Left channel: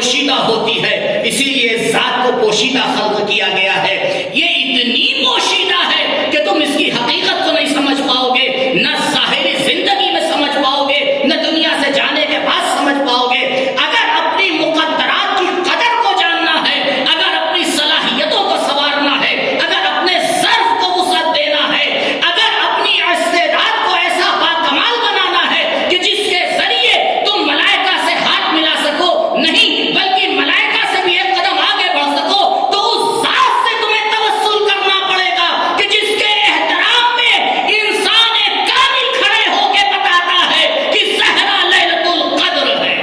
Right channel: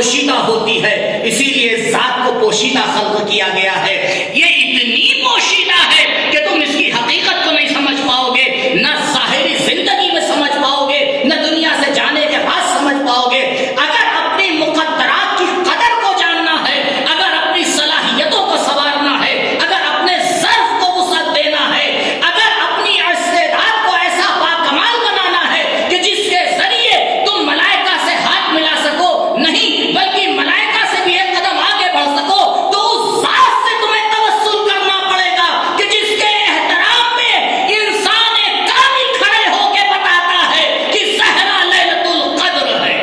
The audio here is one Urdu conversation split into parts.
پوشیدہ ہوتی ہے، اسی لیے ذات کو پوشیدہ خلق کیا گیا ہے۔ یہ اتنی پوشیدہ ہے کہ تم اس کی حقیقت کو نہیں سمجھ پاؤ گے، نہ ظاہری زندگی میں سمجھ پاؤ گے، نہ دنیا سے جانے کے بعد سمجھ پاؤ گے۔ اگر اپنی مقدرات کی قدر کو جاننا ہے، اگر اپنی صلاحیتوں کو سنوارنا ہے، اگر اپنے ظرف کو وسعت دینا ہے، اگر اپنی استعداد کو ایسا باکمال بنانا ہے کہ جس کے ذریعے تم ملائکہ سے ہاتھ ملا سکو، نہیں بلکہ ملائکہ سے بھی ایک قدم آگے بڑھ سکو، تو اس ذات سے تمہیں توسل کرنا پڑے گا کہ جس کے احترام میں انسان کامل کھڑے ہو کے بتاتا ہے کہ صحرا لیلۃ القدر ہے۔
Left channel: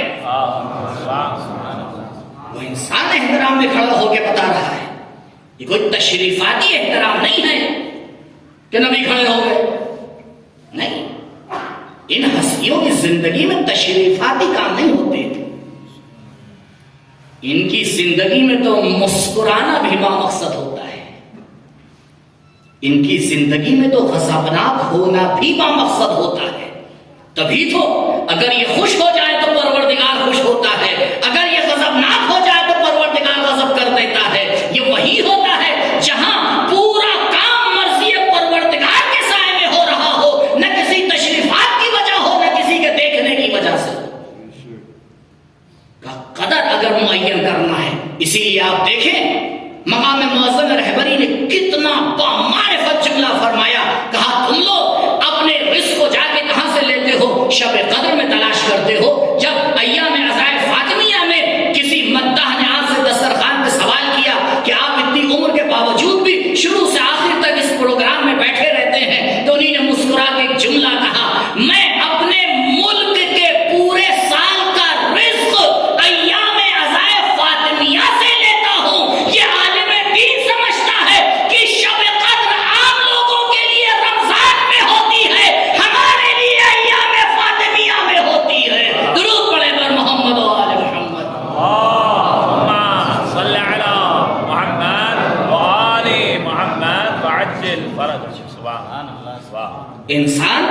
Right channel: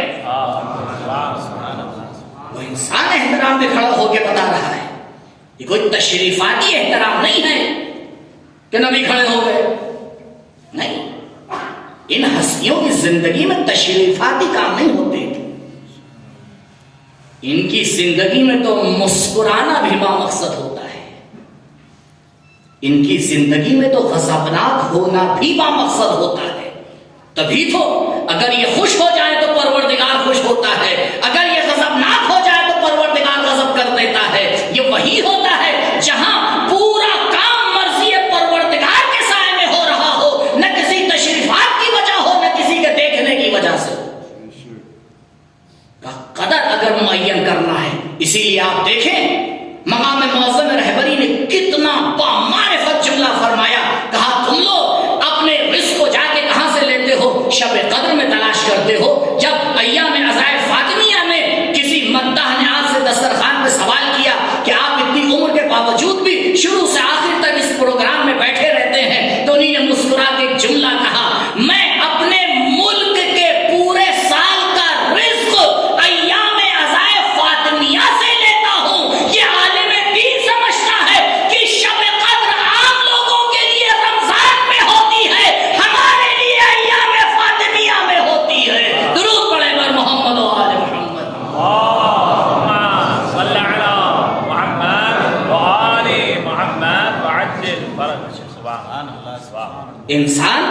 وہ انسان احترام میں کھڑا ہو کے بتا رہا ہے، یہ کوئی تشریفاتی احترام نہیں ہے کہ نبی کھڑے ہو گئے، نہیں، ان ہستیوں کی زندگی میں تشریفاتی کام نہیں ہوتے تھے، ان کی زندگی میں تو مسکرانا بھی مقصد ہوتا ہے، ان کی زندگی میں تو غضبناک ہونا بھی مقصد ہوتا ہے۔ تبھی تو اگر یہ خوش ہو جائے تو پروردگار خوش ہوتا ہے، اگر یہ غضبناک ہو جائے تو پروردگار غضب کر دیتا ہے۔ یہ وہی ہوتا ہے جہاں پورا کام مرضی پروردگار کے سائے میں ہو رہا ہو، نہ کسی تشریفات کی وجہ ہو، نہ کسی کے دیکھنے کی وجہ سے۔ قدر اگر معین کرنا ہے، اسی لیے آپ دیکھیں مقام معظم رہبری نے کتنا بامعرفت جملہ فرمایا، کہا تم لوگ اپنے رزق کو جا کے کہاں سے لیتے ہو؟ شب قدر میں تلاش کرتے ہو۔ جب ایام عزائے فاطمیہ میں کسی مداح نے آپ سے دسترخوان پہ سوال کیا کہ آپ اتنی عمر کے باوجود بھی شروع سے آخر تک اس پروگرام میں بیٹھے رہتے ہیں، تو انہیں نے مسکرا کے ایک جملہ کہا، میں اپنے ملک کے پورے سال کا رزق ایام عزائے فاطمیہ سے لیتا ہوں۔ یہ عالم دین سمجھتا ہے کہ شب قدر عام لوگوں کے لیے رمضان میں ہوتی ہے، ہمارے لیے ایام فاطمیہ میں ہوتی ہے۔ درود پڑھے بر محمد و آل محمد۔ اللهم صل على محمد وآل محمد وعجل فرج۔ سبحان اللہ، سبحان اللہ۔ انسان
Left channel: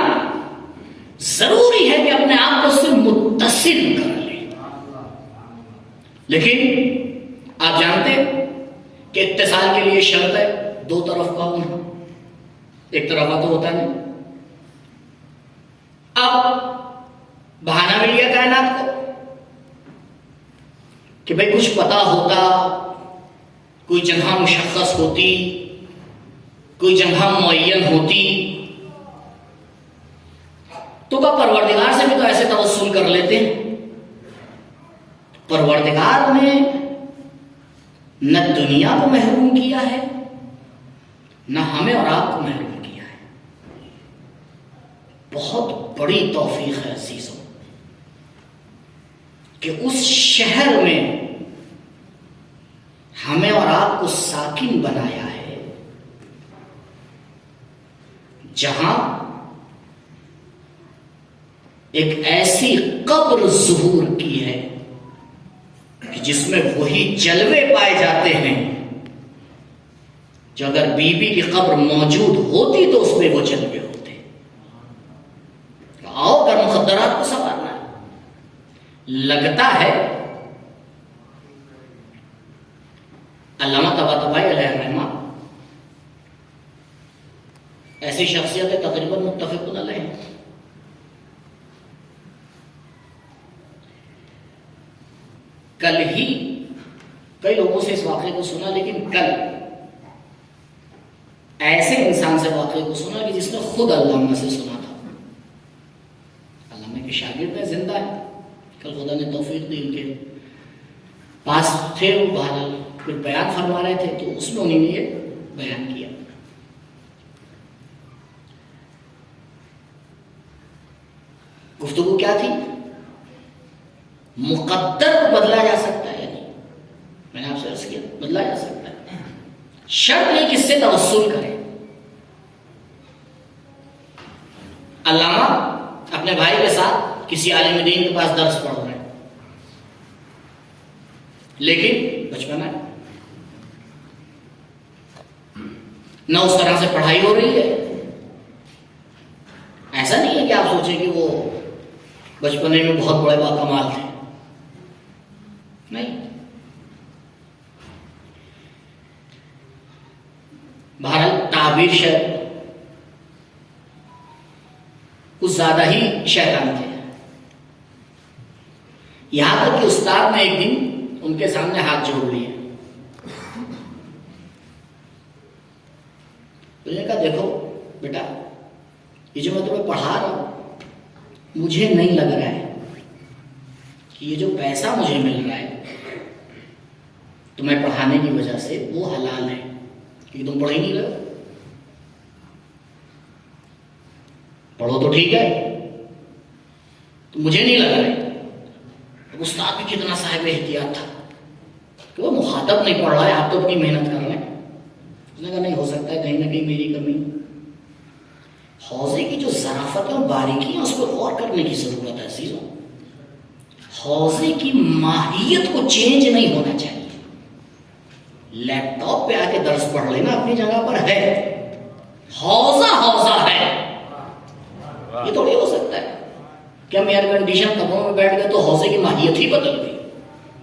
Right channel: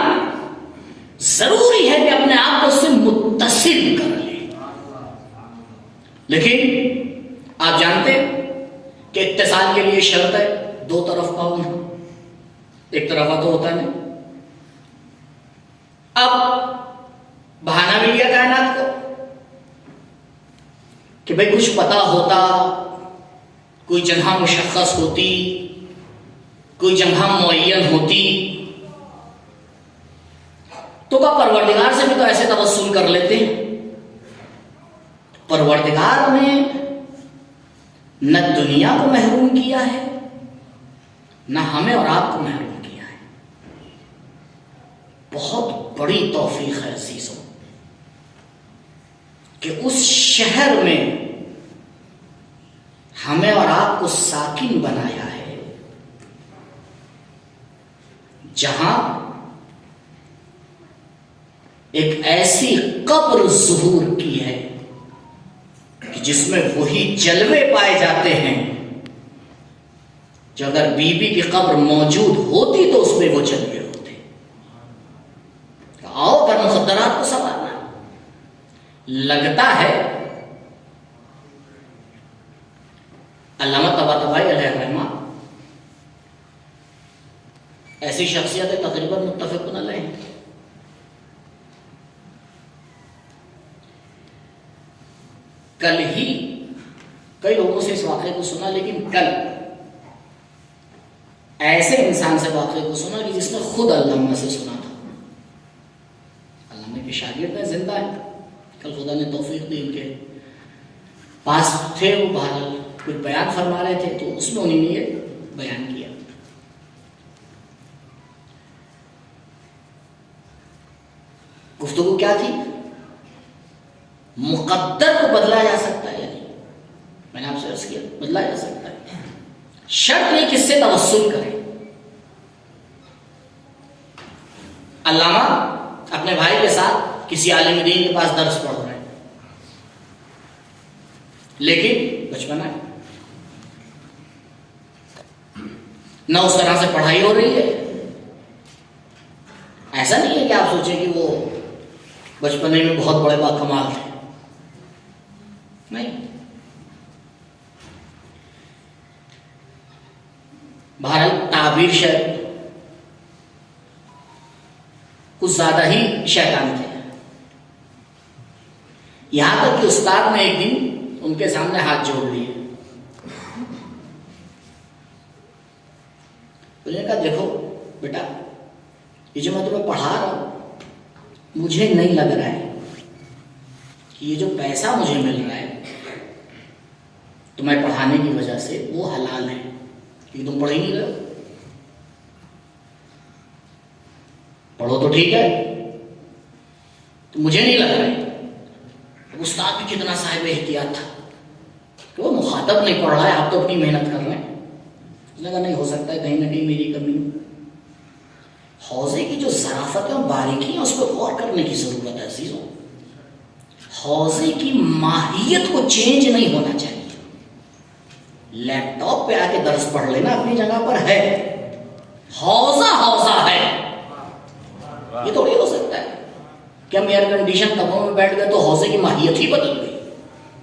ضروری ہے کہ اپنے آپ کو اس سے متصل کر لے، لیکن آپ جانتے ہیں کہ اتصال کے لیے شرط ہے دو طرف کا ہونا، ایک طرفہ تو ہوتا نہیں۔ اب بہانہ مل گیا کائنات کو کہ بھئی کچھ پتا ہوتا، کوئی جگہ مشخص ہوتی، کوئی جگہ معین ہوتی، تو کیا پروردگار سے بھی تو ایسے توسل کر لیتے ہیں؟ پروردگار نے نہ دنیا کو محروم کیا ہے، نہ ہمیں اور آپ کو محروم کیا ہے۔ بہت بڑی توفیق ہے عزیزوں کہ اس شہر میں ہمیں اور آپ کو ساکن بنایا ہے، جہاں ایک ایسی قبر ظہور کی ہے کہ جس میں وہی جلوے پائے جاتے ہیں جو اگر بی بی کی قبر موجود ہوتی تو اس میں وہ جلوے ہوتے۔ آؤ اگر مخدرات کو سنوارنا لگتا ہے، علامہ طباطبائی علیہ الرحمہ ایسی شخصیتیں تقریباً متفقون علیہ۔ کل ہی کئی لوگوں سے اس واقعے کو سنا، لیکن کل ایسے انسان سے واقعے کو سنا کہ جس نے خود علامہ سے سنا تھا۔ علامہ کے شاگرد ہیں، زندہ ہیں، کل خدا نے توفیق دی، ان کے پاس تھے، وہ بہرحال کچھ بیان فرما رہے تھے تو اس میں انہوں نے یہ بیان کیا۔ گفتگو کیا تھی؟ مقدر کو بدلا جا سکتا ہے یا نہیں؟ میں نے آپ سے عرض کیا بدلا جا سکتا ہے، شرط نہیں کس سے توسل کرے۔ علامہ اپنے بھائی کے ساتھ کسی عالم دین کے پاس درس پڑھ رہے ہیں، لیکن بچپن ہے، نہ اس طرح سے پڑھائی ہو رہی ہے۔ ایسا نہیں ہے کہ آپ سوچیں کہ وہ بچپنے میں بہت بڑے باکمال تھے، نہیں. بہرحال تعبیر شاید کچھ زیادہ ہی شیطان تھے. یہاں تک کہ استاد نے ایک دن ان کے سامنے ہاتھ جوڑ لیے. انہوں نے کہا دیکھو بیٹا یہ جو میں تمہیں پڑھا رہا ہوں مجھے نہیں لگ رہا ہے کہ یہ جو پیسہ مجھے مل رہا ہے تمہیں پڑھانے کی وجہ سے وہ حلال ہے کہ تم پڑھ ہی نہیں رہے. پڑھو تو ٹھیک ہے تو مجھے نہیں لگ رہا ہے. استاد بھی کتنا صاحب احتیاط تھا کہ وہ مخاطب نہیں پڑھ رہا ہے آپ تو اپنی محنت کر رہے ہیں. اس نے کہا نہیں ہو سکتا ہے کہیں نہ کہیں میری کمی. حوضے کی جو ظرافت اور باریکی ہے اس پہ غور کرنے کی ضرورت ہے عزیزوں. حوضے کی ماہیت کو چینج نہیں ہونا چاہیے. لیپ ٹاپ پہ آ کے درس پڑھ لینا اپنی جگہ پر ہے. حوضہ حوضہ ہے. یہ تھوڑی ہو سکتا ہے کہ ہم ایئر کنڈیشن کمروں میں بیٹھ گئے تو حوضے کی ماہیت ہی بدل گئی.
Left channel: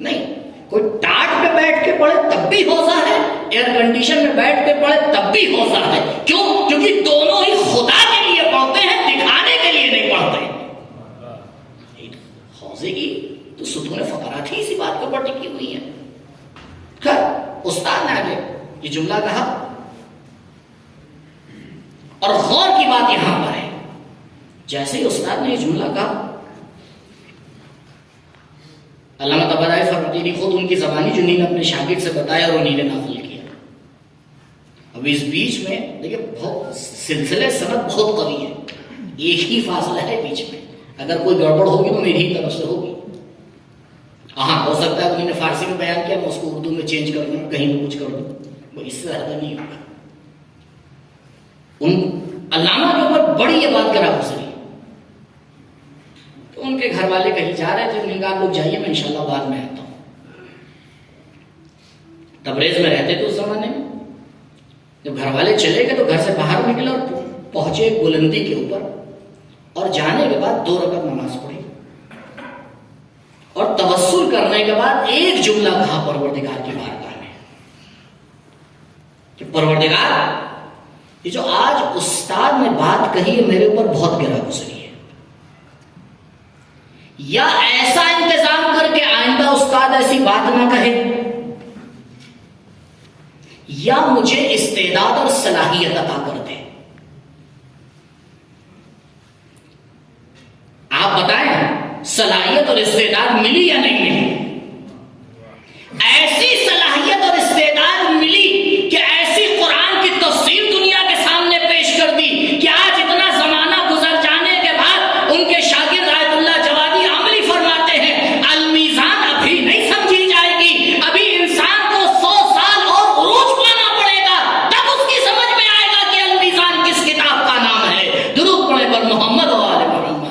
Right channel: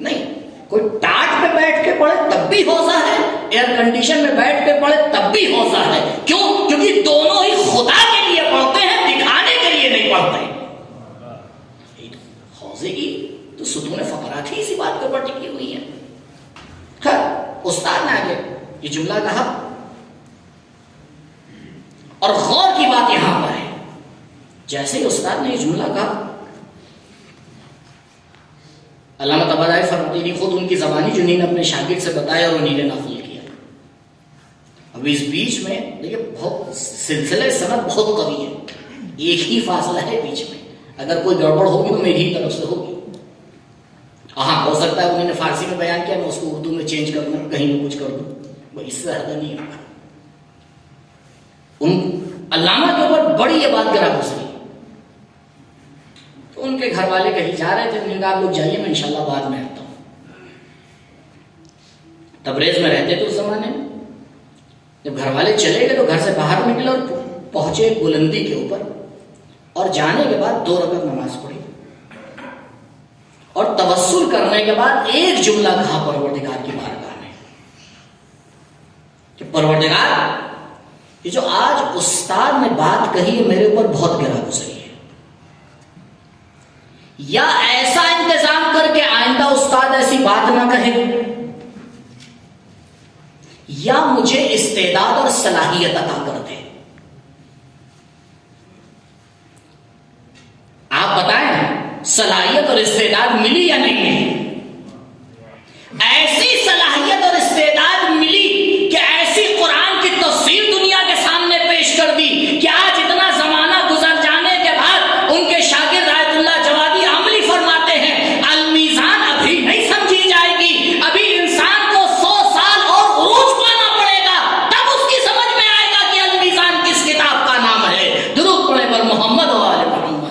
نہیں, کوئی ٹاٹ پہ بیٹھ کے پڑھے تب بھی حوضہ ہے, ایئر کنڈیشن میں بیٹھ کے پڑھے تب بھی حوضہ ہے. کیوں؟ کیونکہ دونوں ہی خدا کے لیے پڑھتے ہیں, دکھانے کے لیے نہیں پڑھتے. حوضے کی تو ستون فقرات ہی اسی بات کے اوپر ٹکی ہوئی ہے. خیر, استاد نے آگے یہ جملہ کہا اور غور کی بات یہاں پر ہے. جیسے ہی استاد نے یہ جملہ کہا علامہ طباطبائی فرماتے ہیں خود ان کی زبانی جنہیں نے اپنے شاگرد سے بتایا اور انہیں نے نقل کیا. اب اس بیچ میں دیکھیے بہت سلسلے سند بہت قوی ہے, ایک ہی فاصلہ ہے بیچ میں. اگر کوئی گڑبڑ ہوگی تو میری ہی طرف سے ہوگی. ہاں ہو سکتا ہے انہوں نے فارسی میں بیان کیا میں اس کو اردو میں چینج کر دوں, کہیں بھی کچھ کر دوں, اس سے زیادہ نہیں ہوگا. ان علامہ کے اوپر بڑی یہ بات گرا گزری. تو ان کے گھر والے کہیں جا رہے تھے, انہوں نے کہا لوگ جائیے میں انشاءاللہ بعد میں آتا ہوں. تبریز میں رہتے تھے اس زمانے میں. جب گھر والے چلے گئے تو گھر سے باہر نکلے اور پہنچے ایک بلندی کے اوپر اور جانے کے بعد 2 رکعت نماز پڑھی اور توسل کرنے کے بعد ایک جملہ کہا پروردگار کی بارگاہ میں کہ پروردگار یہ جو آج استاد نے بات کہی ہے میرے اوپر بہت گرا گزری ہے. یا ایسا انتظام کر کے آئندہ استاد ایسی بات نہ کہے, یا مجھے استعداد اور صلاحیت عطا کر دے. آپ بتائیں صلاحیت اور استعداد ملی یا نہیں ملی؟ ایسی صلاحیت اور استعداد ملی کہ ایسی قرآن کی تفسیر دنیا کے سامنے پیش کر دی کہ آج اتنا زمانہ گزر جانے کے بعد ان کے شاگرد آیت اللہ جوادی عملی فرماتے ہیں المیزان ابھی نہیں سمجھی جائے گی, ابھی انسان کو 100 سال اور عروج پانا پڑے گا تب اس کی سمجھ میں آئے گا کہ المیزان کس کتاب کا نام ہے. درود پڑھے پر محمد و آل محمد.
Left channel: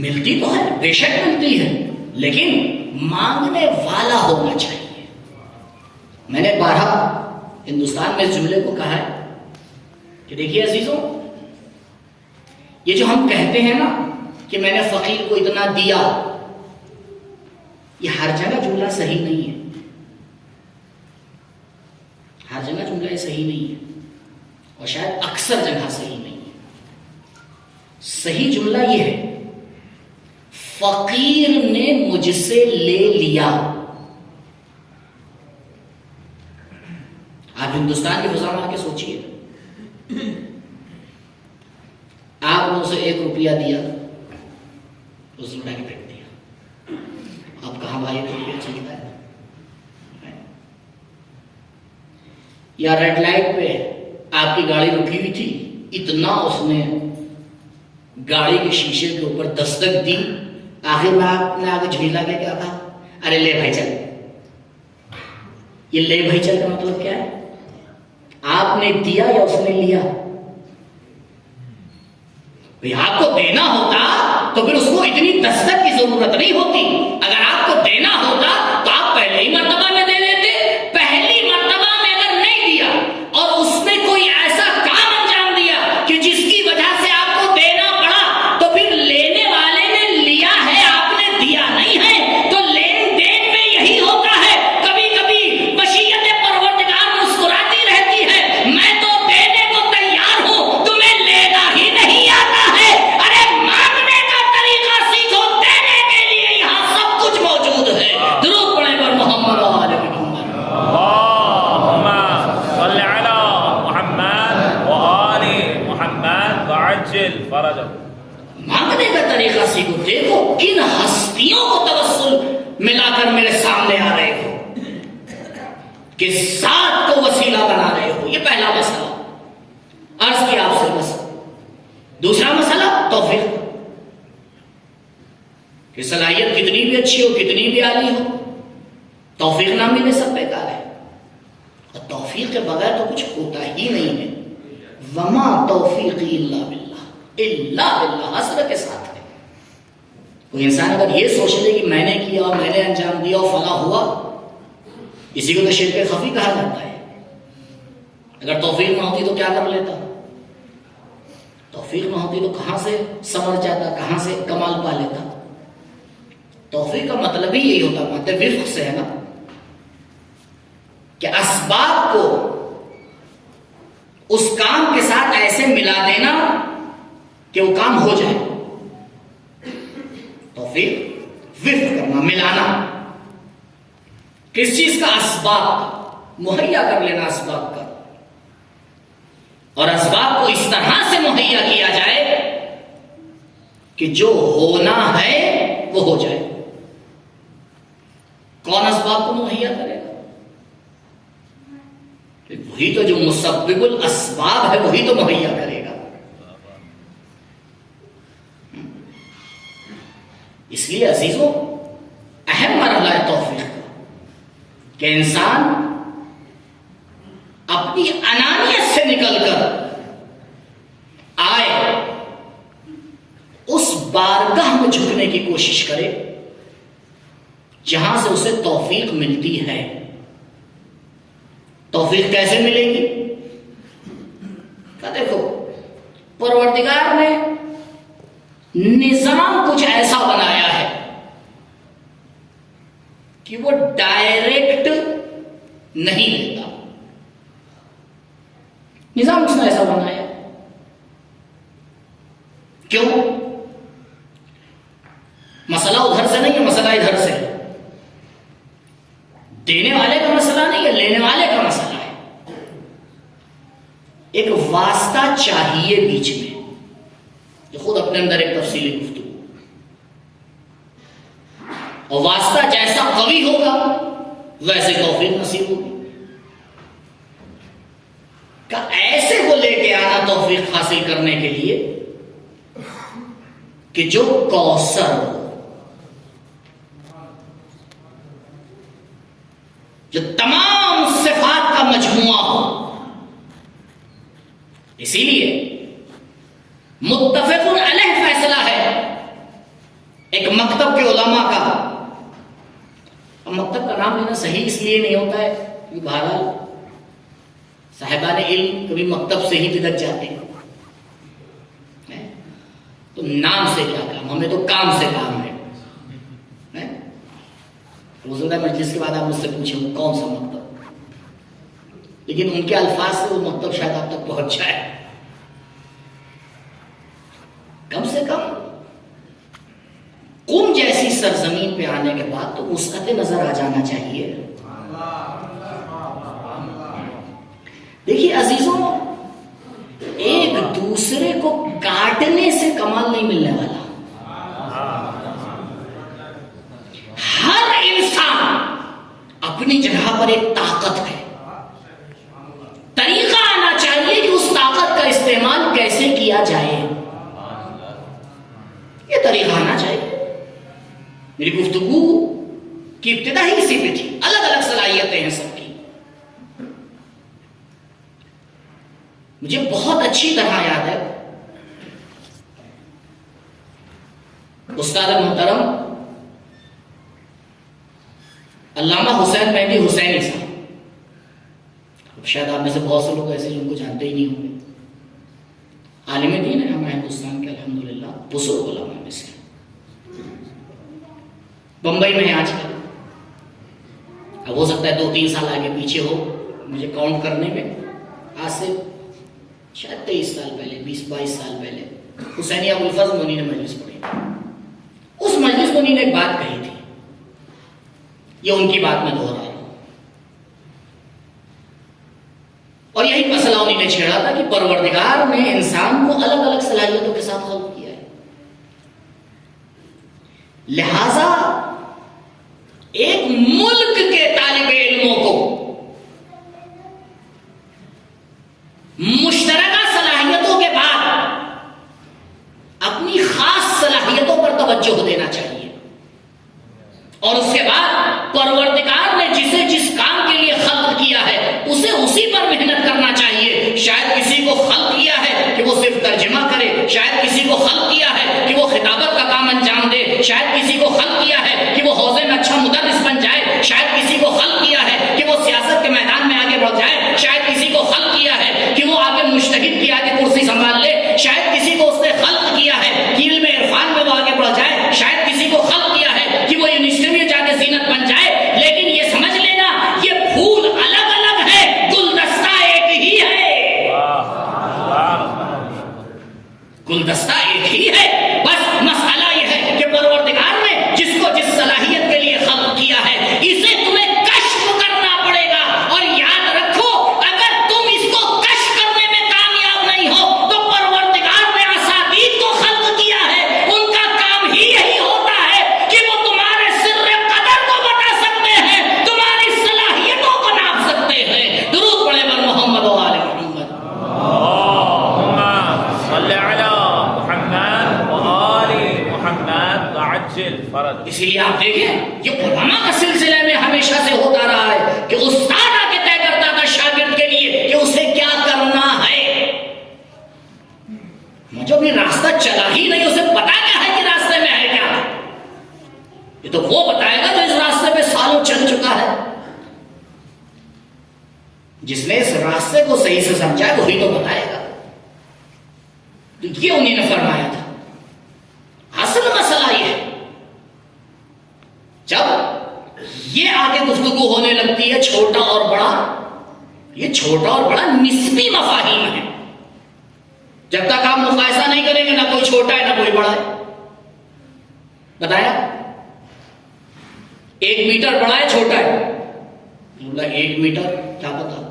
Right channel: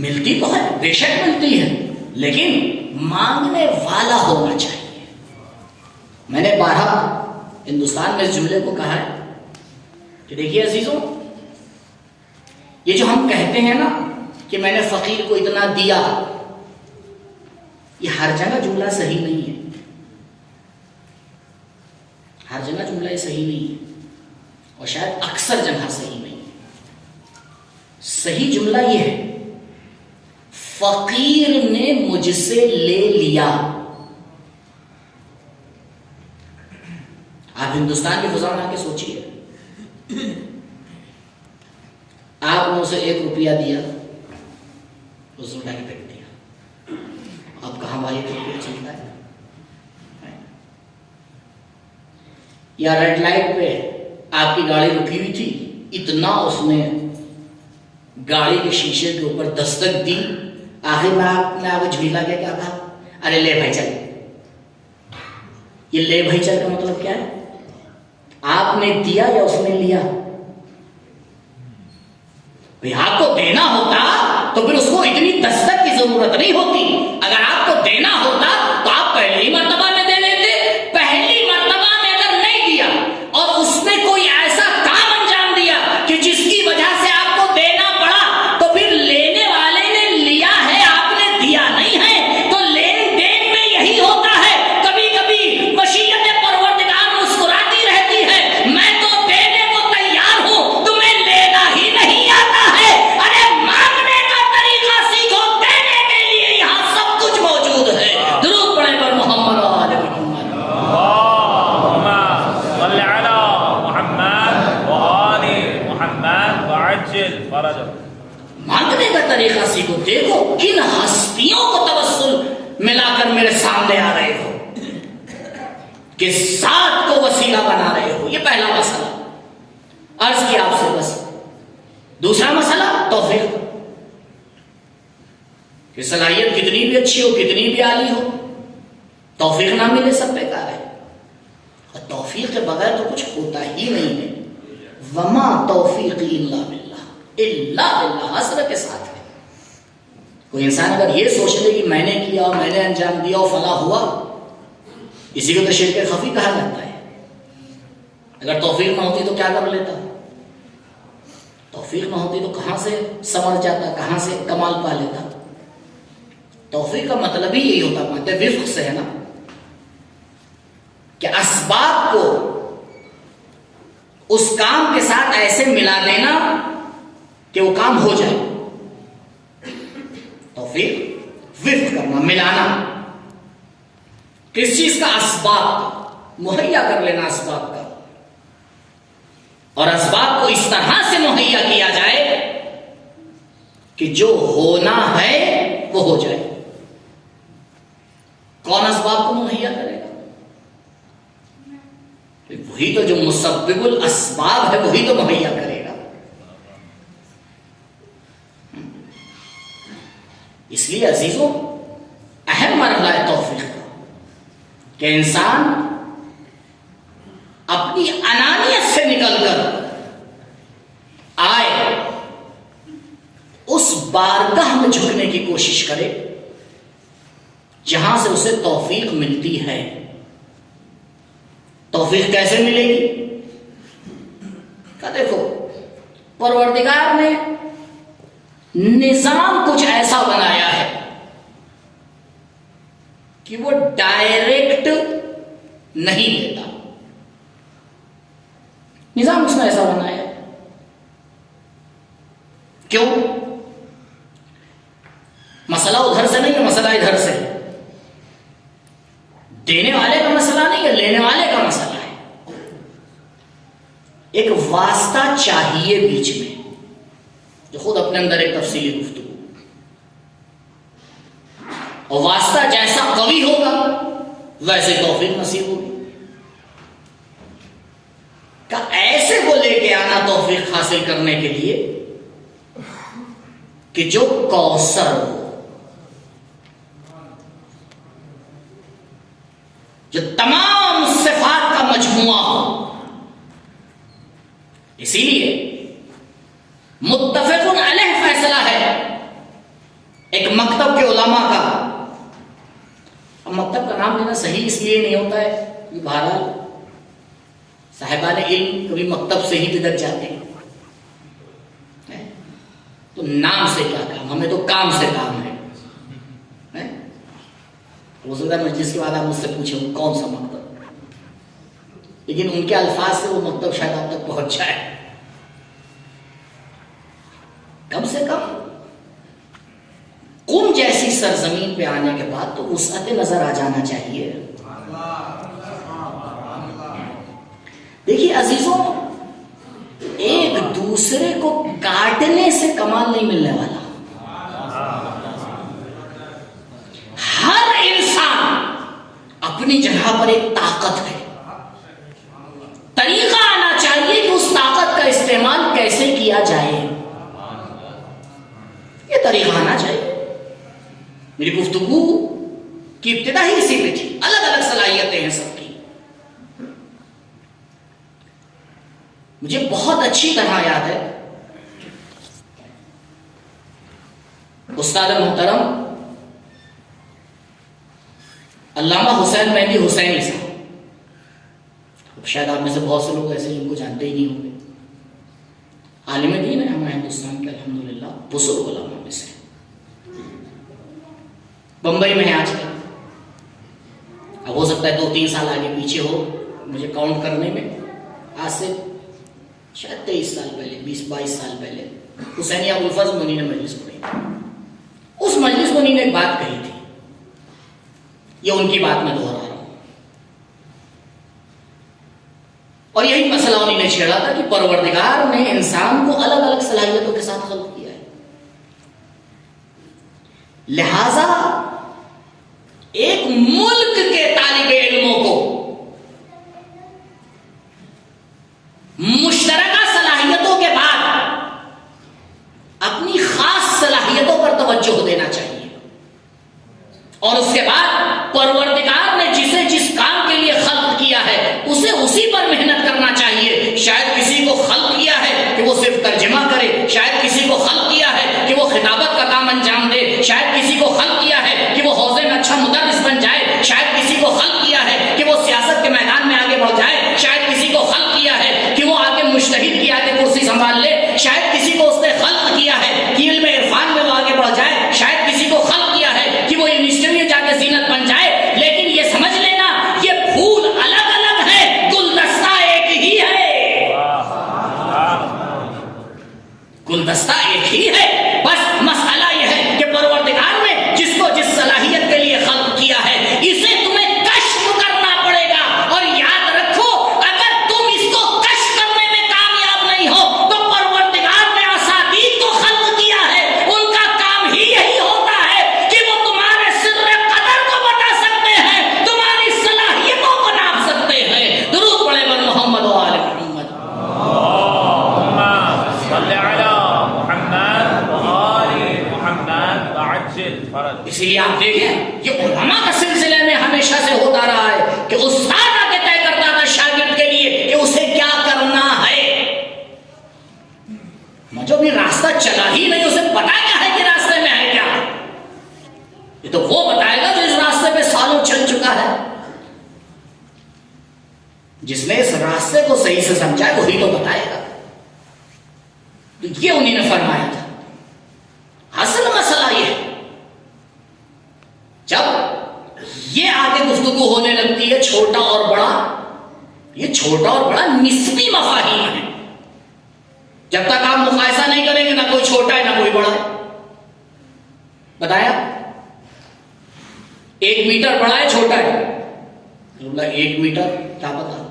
ملتی تو ہے, بے شک ملتی ہے, لیکن مانگنے والا ہونا چاہیے. میں نے بارہا ہندوستان میں اس جملے کو کہا ہے کہ دیکھیے عزیزوں, یہ جو ہم کہتے ہیں نا کہ میں نے فقیر کو اتنا دیا, یہ ہر جگہ جملہ صحیح نہیں ہے. ہر جگہ جملہ یہ صحیح نہیں ہے اور شاید اکثر جگہ صحیح نہیں ہے. صحیح جملہ یہ ہے فقیر نے مجھ سے لے لیا. آپ ہندوستان کی فضا میں آ کے سوچیے, آپ نے اسے 1 روپیہ دیا, اس نے اٹھا کے پھینک دیا. اب کہاں بھائی 1 روپیہ چلتا ہے؟ یا ریڈ لائٹ پہ آپ کی گاڑی رکی ہوئی تھی, اتنا اس نے گاڑی کے شیشے کے اوپر دستک دی, آخر میں آپ نے آگے جھیلا کے کیا کہا, ارے لے بھائی چل. یہ لے بھائی چل کا مطلب کیا ہے؟ آپ نے دیا یا اس نے لیا؟ آپ کو دینا ہوتا تو پھر اس کو اتنی دستک کی ضرورت نہیں ہوتی. اگر آپ کو دینا ہوتا تو آپ پہلے ہی مرتبہ میں دے لیتے. پہلی مرتبہ میں اگر نہیں دیا اور اس نے کوئی ایسا کام انجام دیا کہ جس کی وجہ فرجا. مانگنے کا طریقہ سیکھو. دیکھو کن ہستیوں کو توسل ملا کر میرے سامنے آ رہے ہو، کس ذات کو وسیلہ بنا رہے ہو. یہ پہلا مسئلہ عرض کیا آپ سے. بس دوسرا مسئلہ توفیق کہ صلاحیت کتنی بھی اچھی ہو، کتنی بھی عالی ہو، توفیق نہ ملے سب بیکار ہے. اور توفیق کے بغیر تو کچھ ہوتا ہی نہیں ہے. وما توفیقی الا باللہ، الا باللہ حسرت کے ساتھ ہے. کوئی انسان اگر یہ سوچ لے کہ میں نے کیا اور میں نے انجام دیا اور فلاں ہوا، اسی کو تو شرک خفی کہا جاتا ہے. اگر توفیق نہ ہوتی تو کیا کر لیتا؟ توفیق نہ ہوتی تو کہاں سے سمجھ جاتا، کہاں سے کمال پا لیتا؟ توفیق کا مطلب ہی یہی ہوتا، مطلب وفق سے ہے نا، کہ اسباب کو اس کام کے ساتھ ایسے ملا دینا کہ وہ کام ہو جائے. توفیق وفق کرنا، ملانا. کس چیز کا؟ اسباب مہیا کر لینا اسباب کا، اور اسباب کو اس طرح سے مہیا کیا جائے کہ جو ہونا ہے وہ ہو جائے. کون اسباب کو مہیا کرے گا؟ وہی تو جو مسبب الاسباب ہے وہی تو مہیا کرے گا. اس لیے عزیزوں اہم مرحلہ ہے توفیق کا کہ انسان اپنی انانیت سے نکل کر آئے، اس بارگاہ میں جھکنے کی کوشش کرے جہاں سے اسے توفیق ملتی ہے. توفیق کیسے ملے گی؟ کہ دیکھو پروردگار نے نظام کچھ ایسا بنایا ہے کہ وہ ڈائریکٹ نہیں لیتا. نظام اس نے ایسا بنایا ہے. کیوں؟ مسئلہ ادھر سے نہیں ہے، مسئلہ ادھر سے. دینے والے کا مسئلہ نہیں ہے، لینے والے کا مسئلہ ہے. ایک واسطہ چاہیے بیچ میں، جو خود اپنے اندر ایک تفصیلی گفتگو. اور واسطہ جیسا قوی ہوگا ویسے توفیق نصیب ہوگی. کہ ایسے کو لے کے آنا توفیق حاصل کرنے کے لیے کہ جو کوثر ہو، جو تمام صفات کا مجموعہ ہو. اسی لیے متفق علیہ فیصلہ ہے ایک مکتب کے علماء کا. اب مکتب کا نام لینا صحیح اس لیے نہیں ہوتا ہے کہ بہرحال صاحبان علم کبھی مکتب سے ہی بگڑ جاتے ہیں. تو نام سے کیا کام، ہمیں تو کام سے کام ہے. حضور مجلس کے بعد آپ مجھ سے پوچھیں کون سا مکتب، لیکن ان کے الفاظ سے وہ مکتب شاید آپ تک پہنچ جائے. کم سے کم قم جیسی سرزمین پہ آنے کے بعد تو وسعت نظر آ جانا چاہیے. دیکھیے عزیزوں، ایک دوسرے کو کاٹنے سے کمال نہیں ملنے والا. ہر انسان اپنی جگہ پر ایک طاقت ہے. طریقہ آنا چاہیے کہ اس طاقت کا استعمال کیسے کیا جائے. یہ طریقہ آنا چاہیے. میری گفتگو کی ابتدا ہی اسی پہ تھی. الگ الگ صلاحیتیں ہیں سب کی. مجھے بہت اچھی طرح یاد ہے استاد محترم علامہ حسین مہدی حسینی صاحب. شاید آپ میں سے بہت سے لوگ ایسے ان کو جانتے ہی نہیں ہوں گے. عالم دین ہے ہمارے ہندوستان کے الحمدللہ بزرگ علماء میں سے. بمبئی میں ہے آج کل. اب ہو سکتا ہے 2-3 سال آگے پیچھے ہو مجھے کاؤنٹ کرنے میں. آج سے شاید 23 سال پہلے، 20-22 سال پہلے حسینی ابو الفضل منی نے مجلس پڑھی. اس مجلس میں انہوں نے ایک بات کہی تھی، یہ ان کی بات میں دوہرا رہا ہوں. اور یہی مسئلہ انہوں نے چھیڑا تھا کہ پروردگار نے انسان کو الگ الگ صلاحیت صلاحیتوں کے ساتھ خلق کیا ہے. لہذا ایک ملک کے طالب علموں کو مشترکہ صلاحیتوں کے بعد اپنی خاص صلاحیتوں پر توجہ دینا چاہیے، اور اس کے بعد پروردگار نے جسے جس کام کے لیے خلق کیا ہے اسے اسی پر محنت کرنا چاہیے. شاید کسی کو خلق کیا ہے کہ وہ صرف ترجمہ کرے، شاید کسی کو خلق کیا ہے کہ وہ خطابت کا کام انجام دے، شاید کسی کو خلق کیا ہے کہ وہ حوزے میں اچھا مدرس بن جائے، شاید کسی کو خلق کیا ہے کہ وہ سیاست کے میدان میں آگے بڑھ جائے، شاید کسی کو خلق کیا ہے کہ وہ آگے مجتہد کی آگے کرسی سنبھال لے، شاید کسی کو اس نے خلق کیا ہے کہ علم عرفان میں وہ آگے بڑھ جائے، شاید کسی کو خلق کیا ہے کہ وہ یونیورسٹی میں جا کے زینت بن جائے. لیکن یہ سمجھ لینا یہ پھول الگ الگ ہے، گلدستہ ایک ہی ہے. گلدستہ ایک ہی ہے. بس مسئلہ یہ ہے کہ پروردگار نے جس کو جس صلاحیت کے لیے خلق کیا ہے اسے تمہیں کشف کرنا پڑے گا. اور یاد رکھو اگر تم اس کو کشف کرنے میں کامیاب نہیں ہو تو پروردگار نے اساتید کو خلق کیا ہے، ان کا کام ہی یہی ہوتا ہے کہ وہ تمہارے سر قدر کو بتا سکتے ہیں، تمہاری صلاحیتوں کو ناپ سکتے ہیں. درود پڑھے بر محمد و آل محمد. صلی علی محمد وآل محمد وعجل فرج. اسی لیے آپ دیکھیں یہ علماء کا سلسلے میں ہمیشہ سے ہوتا رہا ہے کہ استاد آگے طے کرتا تھا شاگرد کے لیے کہ اسے کیا کرنا ہے. جو بھی راستہ چلا ہی نہیں اسے پتا کیا ہے کہ راستے میں ہے کیا. یہ تو وہ بتائے گا جو اس راستے پہ سالوں چل چکا ہے. جس نے اس راستے کو صحیح سے سمجھا ہے وہی تو بتائے گا. تو یہ انہیں نے فرمایا تھا. اصل مسئلہ یہ ہے جب یہ آگے گفتگو ہونے لگتی ہے چھوٹا اور بڑا، یہ چھوٹا اور بڑا نسبی مفاہیم ہے. جب تک آپ مقایسہ نہیں کریں گے نہ کوئی چھوٹا ہے نہ کوئی بڑا ہے. بتایا 1 میٹر بڑا ہے چھوٹا ہے؟ 1 میٹر کیا پتا.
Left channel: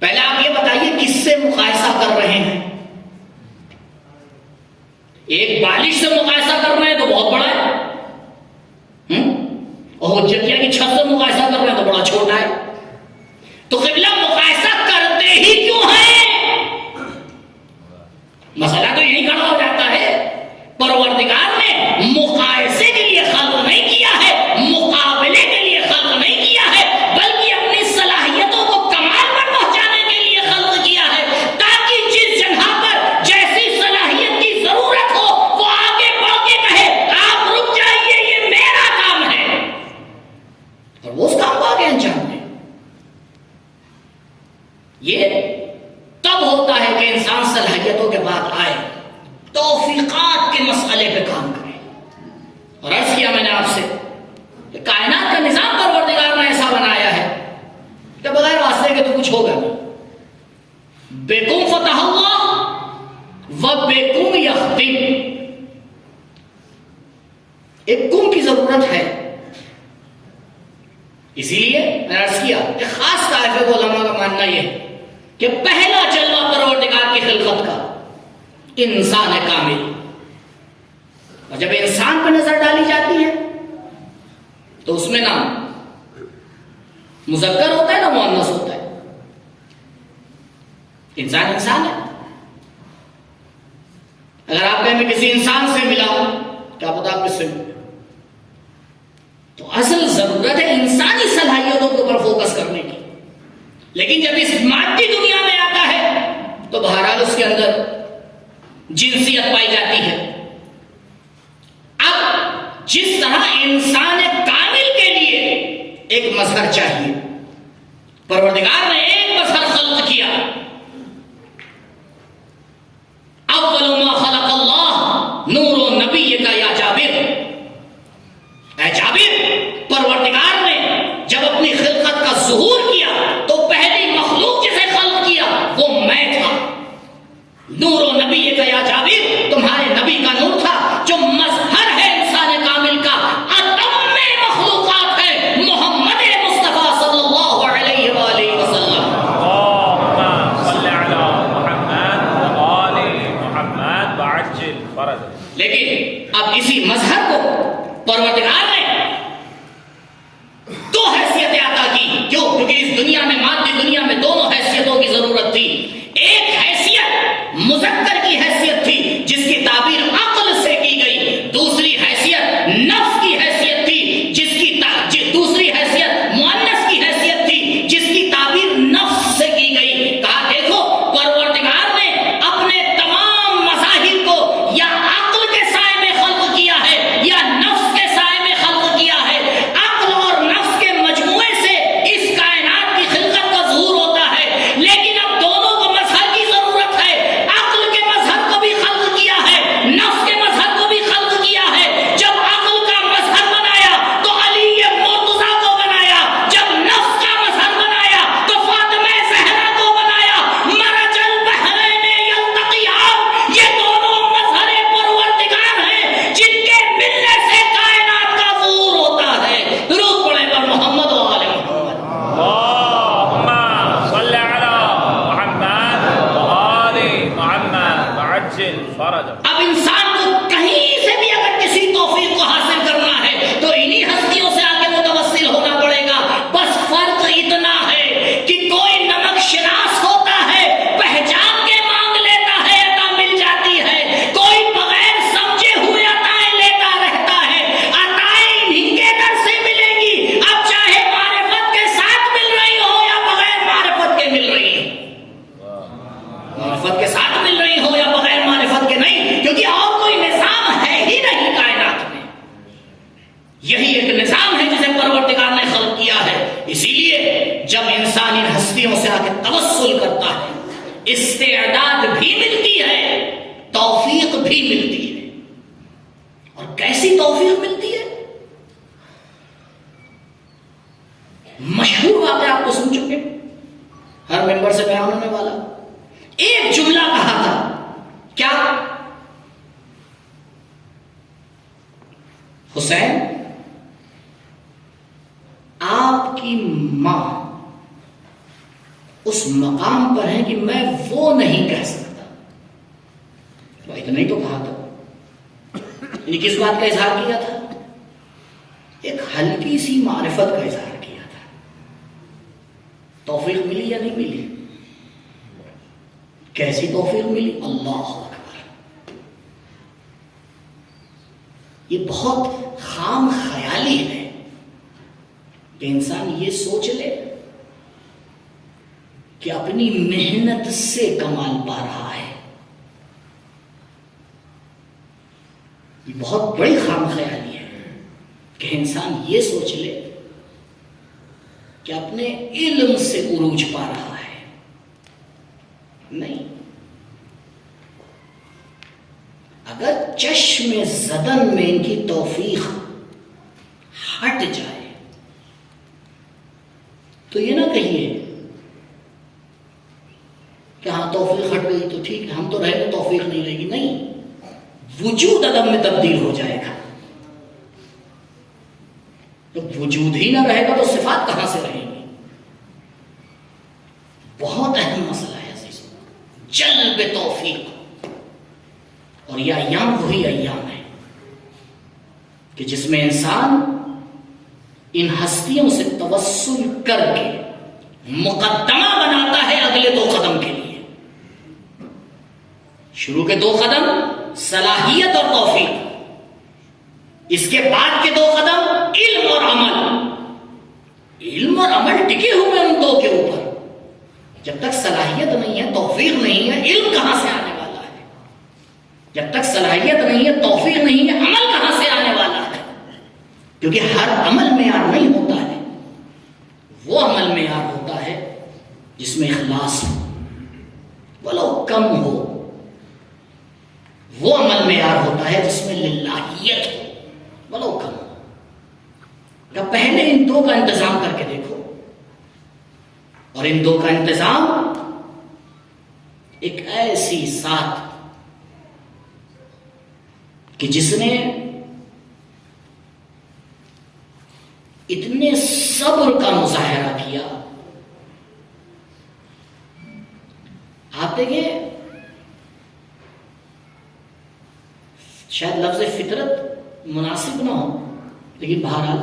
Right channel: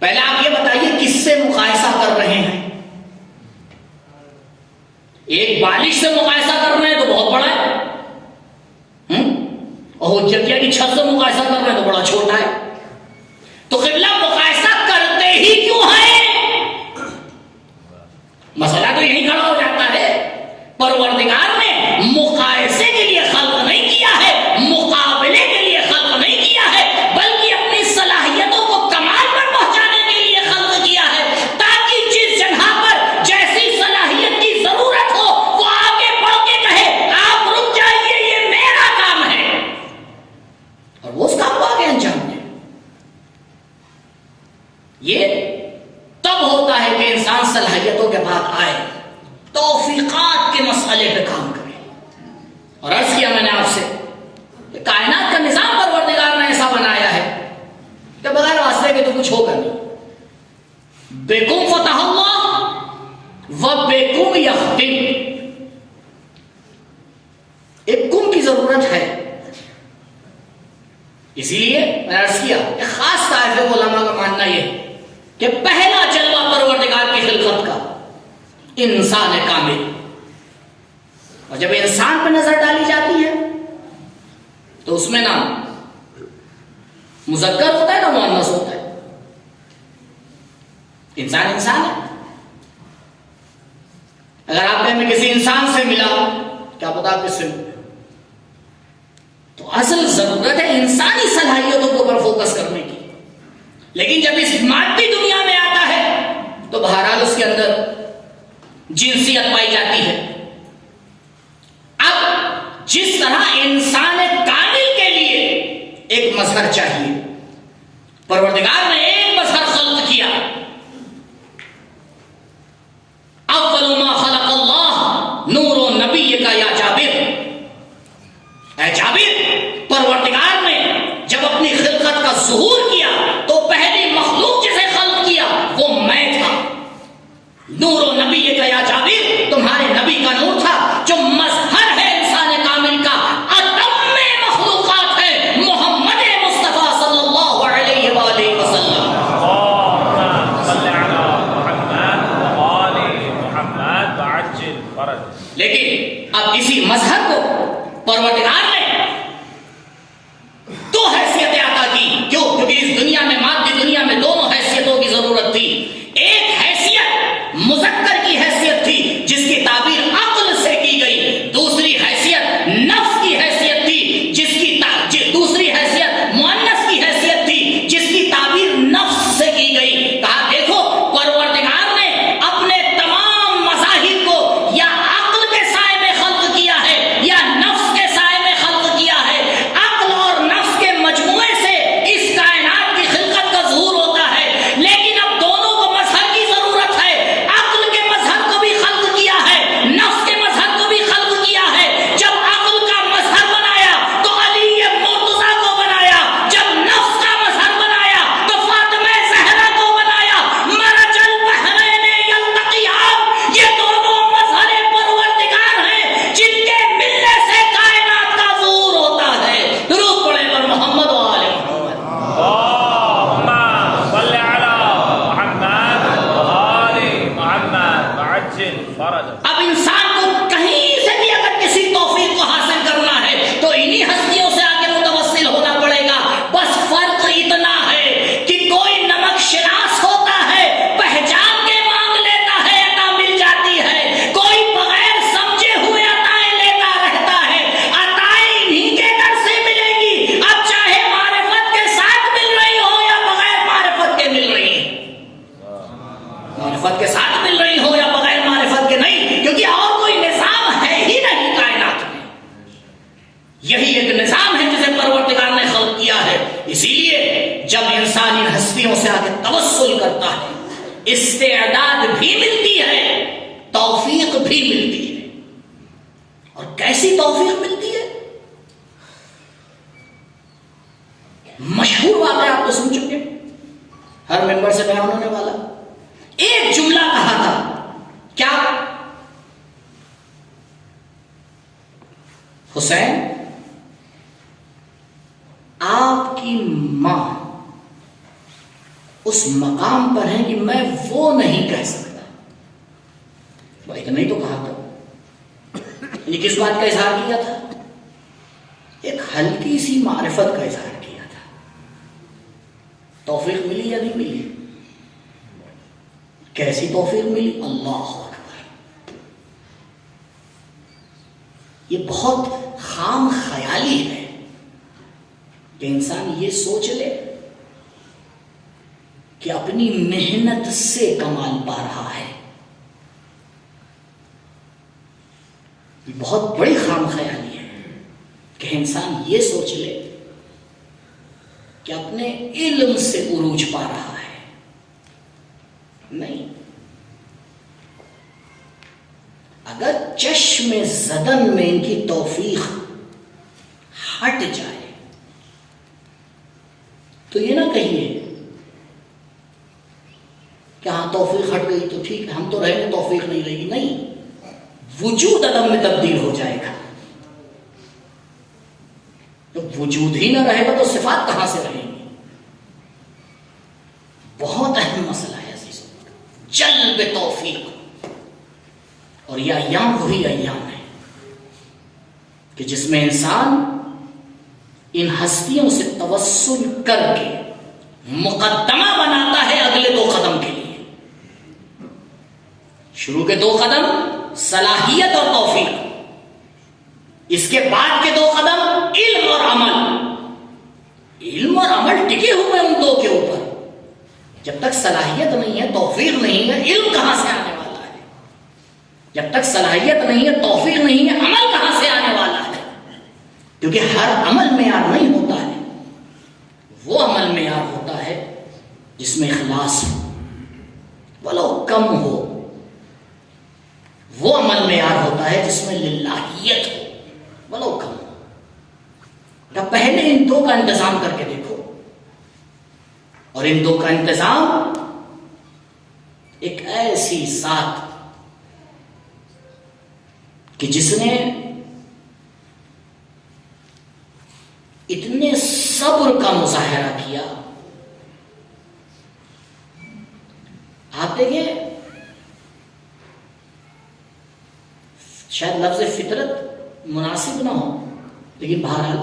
پہلے آپ یہ بتائیے کس سے مقایسہ کر رہے ہیں. ایک بالش سے مقایسہ کر رہے ہیں تو بہت بڑا ہے، اور حجتیہ کی چھت سے مقایسہ کر رہے ہیں تو بڑا چھوٹا ہے. تو قبلہ مقایسہ کرتے ہی کیوں ہے؟ مسئلہ تو یہی کھڑا ہو جاتا ہے. پروردگار نے مقایسے کے لیے خلق نہیں کیا ہے، مقابلے کے لیے خلق نہیں کیا ہے، بلکہ اپنی صلاحیتوں کو کمال پر پہنچانے کے لیے خلق کیا ہے، تاکہ جس جگہ پر جیسی صلاحیت کی ضرورت ہو وہ آگے بڑھ کے کہے آپ رک جائیے یہ میرا کام ہے، اور وہ اس کام کو آگے انجام دے. یہ تب ہوتا ہے کہ انسان صلاحیتوں کے بعد آئے، توفیقات کے مسئلے پہ کام کرے. اور عرض کیا میں نے آپ سے کہ کائنات کا نظام پروردگار نے ایسا بنایا ہے کہ بغیر واسطے کے تو کچھ ہوگا نہیں. بیکم فتح اللہ و بیکم یختم. ایک کم کی ضرورت ہے. اسی لیے میں نے عرض کیا کہ خاص طائفہ علماء کا ماننا یہ کہ پہلا جلوہ پروردگار کی خلقت کا انسان کامل. اور جب انسان پر نظر ڈالی جاتی ہے تو اس میں نہ مذکر ہوتا ہے نہ مؤنث ہوتا ہے. انسان انسان ہے. اگر آپ کہیں میں کسی انسان سے ملا کیا پتا آپ کس سے ملے. تو اصل ضرورت ہے انسانی صلاحیتوں کو پر فوکس کرنے کی. لیکن جب اس مادی دنیا میں آتا ہے تو بہرحال اس کے اندر جنسیت پائی جاتی ہے. اب جس طرح انسان کامل کے لیے ایک مظہر چاہیے، پروردگار نے ایک مظہر خلق کیا. اول ما خلق اللہ نور نبی کا یا جابر. اے جابر، پروردگار نے جب اپنی خلقت کا ظہور کیا تو پہلی مخلوق جسے خلق کیا وہ میں تھا. نور و نبی کا یا جابر، تمہارے نبی کا نور تھا جو مظہر ہے انسان کامل کا. اتم مخلوقات ہے محمد مصطفیٰ صلی اللہ علیہ وآلہ وسلم. صلی علی محمد وآل محمد اور اسی مظہر کو پروردگار نے دو حیثیتیں عطا کی. کیوں؟ کیونکہ اس دنیا میں، مادی دنیا میں، دونوں حیثیتوں کی ضرورت تھی. ایک حیثیت مذکر کی حیثیت تھی جس کی تعبیر عقل سے کی گئی، دوسری حیثیت نفس کی حیثیت تھی جس کی دوسری حیثیت مؤنث کی حیثیت تھی جس کی تعبیر نفس سے کی گئی. کہا دیکھو پروردگار نے اپنے تمام مظاہر کو یا عقل کے سائے میں خلق کیا ہے یا نفس کے سائے میں خلق کیا ہے. عقل اور نفس کے مجموعے سے اس کائنات کی خلقت کا ظہور ہوتا ہے، لیکن اب دونوں کو مظہر کی ضرورت ہے. عقل کے مظہر کو بھی خلق کیا ہے، نفس کے مظہر کو بھی خلق کیا ہے. جب عقل کا مظہر بنایا تو علی مرتضیٰ کو بنایا، جب نفس کا مظہر بنایا تو فاطمہ زہرا کو بنایا. مرج البحرین یلتقیان، یہ دونوں مظہر پروردگار ہیں جن کے ملنے سے کائنات کا ظہور ہوتا ہے. درود پڑھیں پر محمد و آل محمد. اللهم صل على محمد وآل محمد وعجل فرجه. اب انسان کو کہیں سے بھی اگر کسی توفیق کو حاصل کرنا ہے تو انہی ہستیوں سے آگے متوسل ہونا پڑے گا. بس فرق اتنا ہے کہ کوئی نمک شناس ہوتا ہے، پہچان کے مانگ لیتا ہے، عطا مل جاتی ہے. کوئی بغیر سمجھے ہوئے عطائیں لیتا رہتا ہے، عطائیں انہی کے در سے ملیں گی، اب چاہے معرفت کے ساتھ مل رہی ہو یا بغیر معرفت کے مل رہی ہے. معرفت کے ساتھ مل رہی ہو یا بغیر معرفت کے نہیں، کیونکہ اور کوئی نظام ہے ہی نہیں کائنات میں. یہی ایک نظام ہے جسے پروردگار نے خلق کیا ہے. اسی لیے جب انسان ان ہستیوں سے آگے توسل کرتا ہے، استعداد بھی ملتی ہے، توفیق بھی ملتی ہے. اور کیسی توفیق ملتی ہے؟ مشہور واقعہ آپ کو سن چکے، ہر ممبر سے بیان ہونے والا. ایک جملہ کہا تھا، کیا؟ حسین، آپ کی ماں اس مقام پر ہے کہ میں وہ نہیں کہہ سکتا. بھائی اتنا ہی تو کہا تھا. یہ کس بات کا اظہار کیا تھا؟ ایک ہلکی سی معرفت کا اظہار کیا تھا. توفیق ملی یا نہیں ملی؟ کیسی توفیق ملی؟ اللہ اکبر. یہ بہت خام خیالی ہے کہ انسان یہ سوچ لے کہ اپنی محنت سے کمال پا رہا ہے. یہ بہت بڑی خام خیالی ہے کہ انسان یہ سوچ لے کہ اپنے علم سے عروج پا رہا ہے. نہیں، اگر چشم زدن میں ان کی توفیق ہٹ جائے تو یہ نہ کہیے کہ ہاں توفیق ہٹ گئی تو ٹھیک ہے، ہم تو رہیں گے، توفیق نہیں رہے گی. نہیں، وجود عدم میں تبدیل ہو جائے گا. جب وجود ہی نہ رہے گا تو صفات کہاں سے رہیں گی؟ بہت اہم مسئلہ ہے عزیزو، جلب توفیق. اور یہ ایام وہی ایام ہے کہ جس میں انسان ان ہستیوں سے توسل کر کے مقدمہ بناتا ہے اگلے 2 قدم کے لیے. شروع کے 2 قدم صلاحیت اور توفیق، اس کے بعد کے 2 قدم علم اور عمل. علم اور عمل ٹکے ہوئے ان 2 کے اوپر. جب تک صلاحیت نہیں ہے، توفیق نہیں ہے، علم کہاں سے آنے والا ہے؟ جب تک صلاحیت نہیں ہے، توفیق نہیں ہے، عمل کہاں سے آنے والا ہے؟ کیونکہ ہر عمل معیار نہیں ہوتا ہے. وہ عمل معیار ہوتا ہے جس میں اخلاص ہو، ولو کم ہو. وہ عمل معیار ہوتا ہے جس میں للہیت ہو، ولو کم ہو. تو پہلے ان 2 کا انتظام کر کے دیکھو، اور ان 2 کا انتظام ایک ایسی ذات کہ جس نے اتنے صبر کا مظاہرہ کیا. آپ دیکھیں، شاید لفظ فطرت مناسب نہ ہو، لیکن بہرحال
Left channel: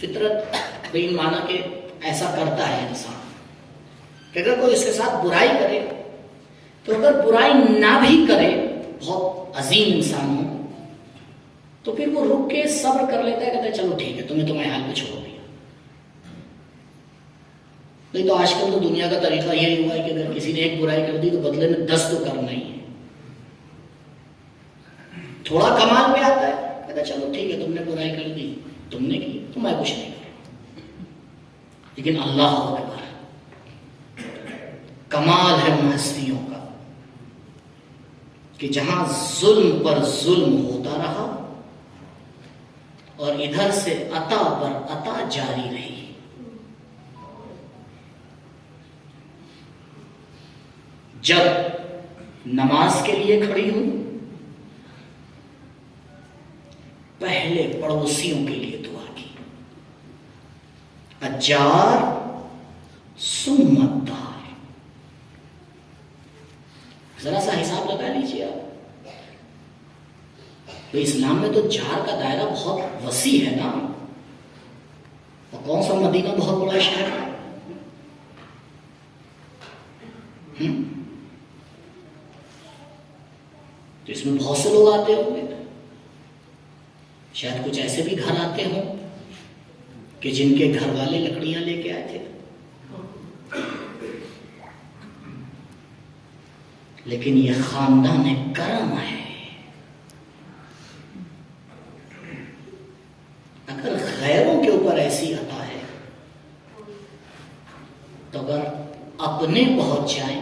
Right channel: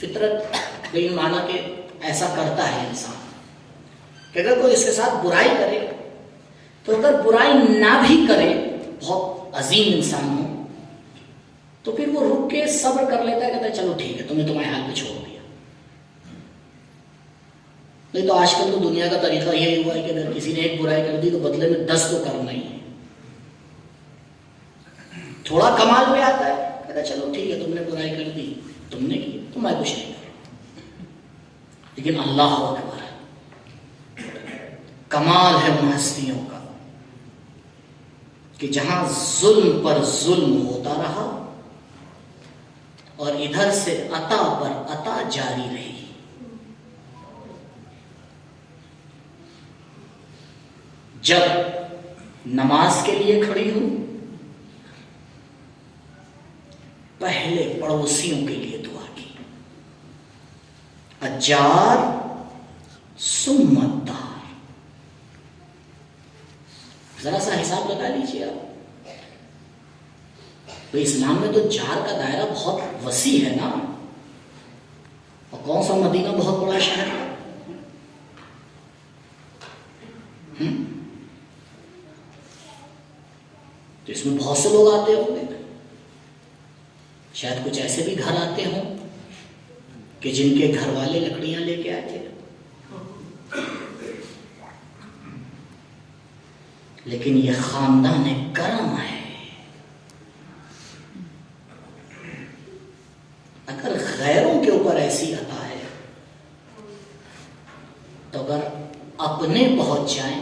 فطرت لیکن مانا کہ ایسا کرتا ہے انسان کہ اگر کوئی اس کے ساتھ برائی کرے تو اگر برائی نہ بھی کرے، بہت عظیم انسان ہو، تو پھر وہ رک کے صبر کر لیتا ہے، کہتا ہے چلو ٹھیک ہے تمہیں تمہارے حال پہ چھوڑ دیا۔ نہیں تو آج کل تو دنیا کا طریقہ یہی ہوا ہے کہ اگر کسی نے ایک برائی کر دی تو بدلے میں 10 تو کرنا ہی ہے۔ تھوڑا کمال پہ آتا ہے، کہتا ہے چلو ٹھیک ہے تم نے برائی کر دی، تم نے کی تو میں کچھ نہیں کروں۔ لیکن اللہ اکبر، کمال ہے ان ہستیوں کا کہ جہاں ظلم پر ظلم ہوتا رہا اور ادھر سے عطا پر عطا جاری رہی۔ جب نماز کے لیے کھڑی ہوں، پہلے پڑوسیوں کے لیے دعا کی، اجار ثم الدار۔ ذرا سا حساب لگا لیجیے آپ، اسلام میں تو جار کا دائرہ بہت وسیع ہے نا، اور کون سا مدینہ بہت بڑا شہر ہے۔ تو اس میں بہت سے لوگ آتے ہوں گے، شاید کچھ ایسے بھی گھر آتے ہوں کہ جن کے گھر والے لکڑیاں لے کے آئے تھے، لیکن یہ خاندان کرم ہے۔ اگر غیروں کے اوپر ایسی عطا ہے تو اگر اپنے پہنچ جائیں،